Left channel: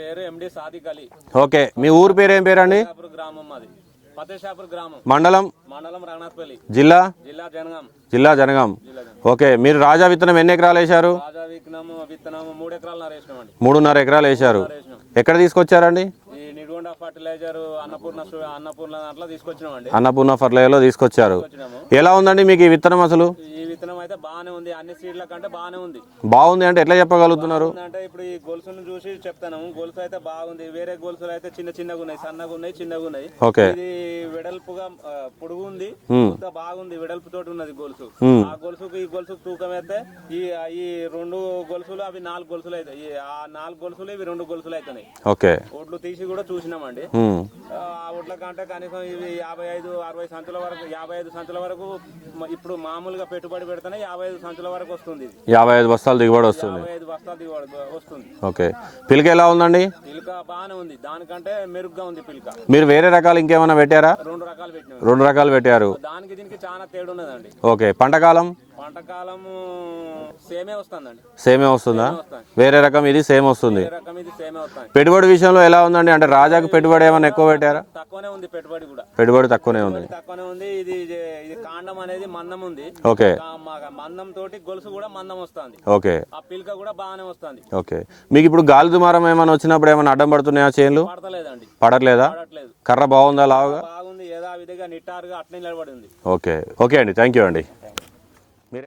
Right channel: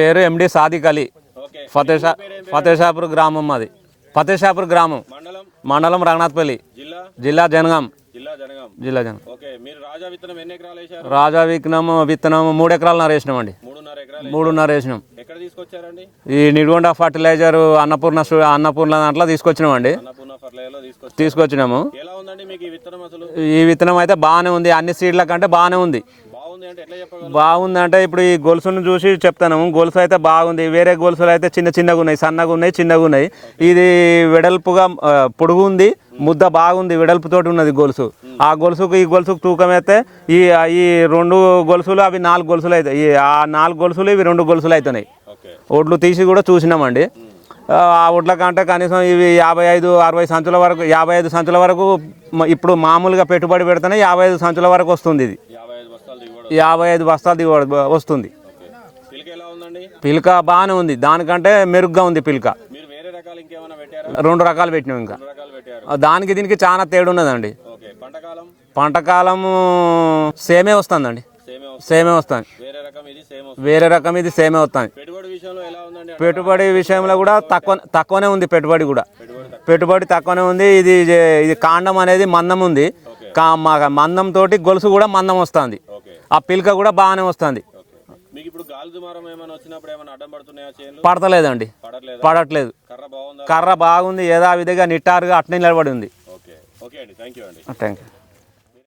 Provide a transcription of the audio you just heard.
పేరు ఎండి సాదిక్ అలీ. ఓకే. ఊరు పేరు ఏం పేరు ఫతేషాపూర్ గ్రామం మాది ఫతేషాపూర్ గ్రామం. మండలం? మండలం రంగనాథపల్లి. జిల్లా? జిల్లా జనగాం. జిల్లా జనగాం. జిల్లా జనగాం. ఓకే మీరు రాజా విత్తనం ఎన్ని ఎకరాలు వేశారు? రాజా విత్తనం విత్తనం మూడు ఎకరాలు నరేసినాం అండి మూడున్నర ఎకరాలు మూడున్నర వేసినాం. ఎక్కడ తీసుకొచ్చారండి? ఈ నిడుగొండ ఫర్టిలైజర్ అన్నపూర్ణ అన్నపూర్ణ దాంట్లో తీసుకొచ్చినాం అండి అన్నపూర్ణ ఫర్లైలో తీసుకొచ్చారు. తీసుకొచ్చినాము. ఎలా ఉందండి మీకు ఈ విత్తనం అసలు? ఈ విత్తనం అయితే బాగానే ఉంది. అన్ని సీడ్ల కంటే బాగానే ఉంది. బాగుంది అంటే ఎట్లా చెప్పగలుగుతారు బాగుంది అంటే ఇప్పుడు ఈ గొలుసును చూసి చెప్తాను. గొలుసు అయితే బాగుంది. వేరే గొలుసులు అయితే చిన్న చిన్నగా ఉన్నాయి సన్నగా ఉన్నాయి చిన్నగా ఉన్నాయి. ఇది వెడల్పుగా పొడుగు ఉంది. ముద్ద బాగుంది. వెడల్పు తోటి ఉన్నది గొలుసు. ఆ గొలుసుకు ఈ గొలుసుకు తూకం అయితే ఈ ఈ రెండు గొలుసులు అవి నాలుగు గొలుసులు అవుతాయి ఈ ఆ నాలుగు గొలుసులు ఇవి రెండు గొలుసులు అవుతున్నాయి ఓకే. ఒడ్లు తీసి కూడా చూసినామండి. ఆ ఒడ్ల కంటే కనీసం ఇవి యాభై ఐదు అరవై సంచుల వరకు యాభై ఐదు సంచుల వరకు ఇప్పుడు మామూలుగా పెట్టుబడి పెడితేనే యాభై ఐదు సంచుల వరకు వస్తుంది ఇది. యాభై ఐదు బస్తాలు దిగుబడి యాభై ఐదు బస్తాలు దిగుబడి వస్తుంది. ఓకే. పిలక ఎలా ఉందండి? పిల్క బాగానే ఉంది. దానికంటే మెరుగ్గా ఉంది పిల్క. మీరు వేరే రకాలు ఇంకేమైనా పెట్టారా? రెండు రకాలు పెట్టినాం. రెండు రకాలు పెట్టారు. దానికి దీనికి చాలా తేడా ఉన్నదండి. ఓకే. పంటకాలం పంట కాలము సేమే వస్తుందండి. సేమే వస్తుంది? సేమే వస్తుంది వేరే రకం ఇది సేమ్ వస్తుంది. వేరే రకం ఇది సేమే వస్తుంది పెట్టుబడి విషయంలో ఎలా ఉందండి? అంటే తక్కువనే ఉంది పెట్టుబడి కూడా. పెట్టుబడి తక్కువ పెట్టుబడి తక్కువనే ఉంది. ఇది ఇది కాండం అనేది మందం ఉంది. ఓకే. మందం తోటి గొలుసు కూడా మందం వస్తుంది. ఓకే. ఆ పిల్క కూడా బాగానే వస్తుంది. ఓకే. మీకు ఇప్పుడు గాలి దుమారం ఏమైనా వచ్చినప్పుడు ఏమైనా అడ్డం పడుతున్నాయా చేనులు? పడతలేదండి. పడట్లేదా? పడట్లేదు. కర్ర బాగుందా? కర్ర బాగుంది. యథావిధిగా నిట్టారుగా అట్నే నిలబడి ఉంది. ఓకే. ఓకే అండి. థ్యాంక్ యూ అండి. Thank you.